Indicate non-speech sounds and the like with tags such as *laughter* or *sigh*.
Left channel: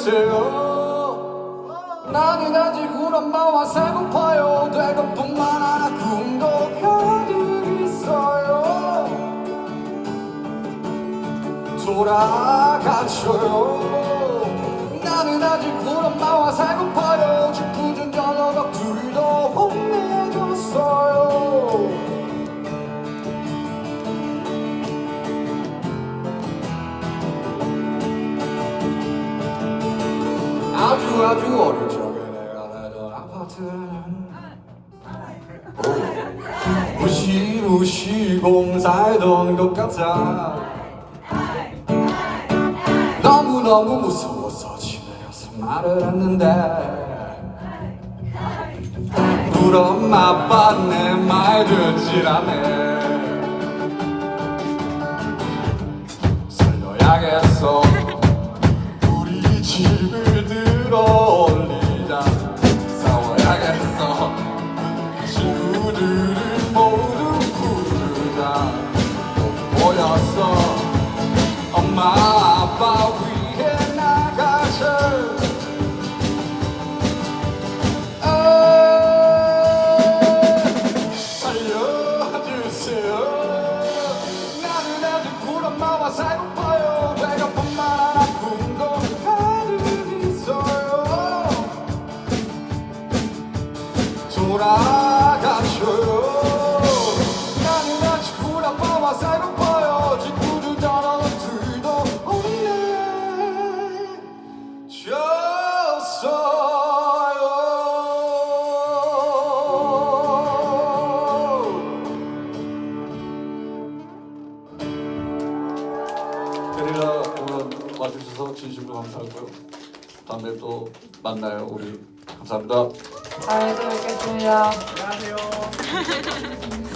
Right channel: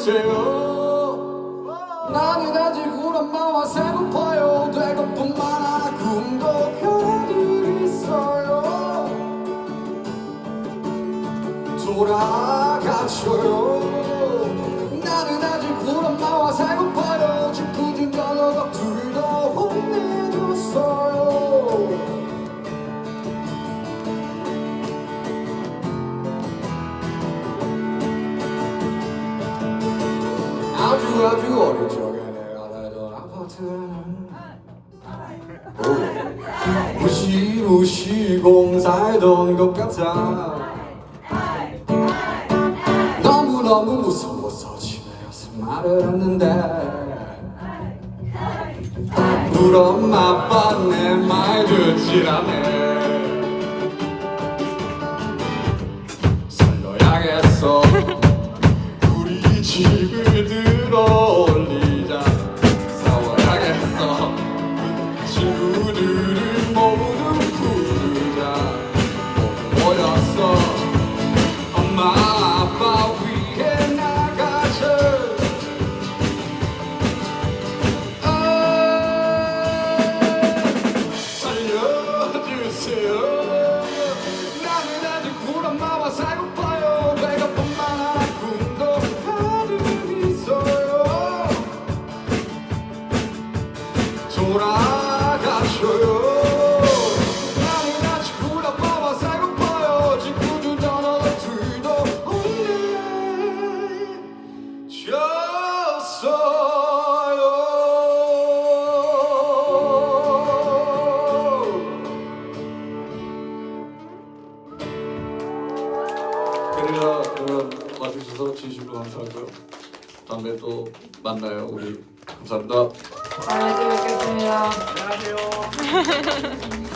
알려주세요 나는 아직 우리 엄마와 살고 봐요. 되고 뿐만 아니라 꿈도 별들이 있어요. 돌아가줘요 나는 아직 우리 엄마와 살고 봐요 아주 아주 어릴 적에 내가 살던 아파트는 오, 무시 무시 공 살던 것 같아. 너무너무 무서워서 집에 가서 말을 했는데 엄마 아빠 내말 듣질 않네 살려야겠어. 우리 집을 엄 게릴라 공연 와주셔서 진심으로 감사하고요. 다음에 또 만나요. 우리 감사합니다. 다음에 또 뵙겠습니다. 안녕하세요. *laughs*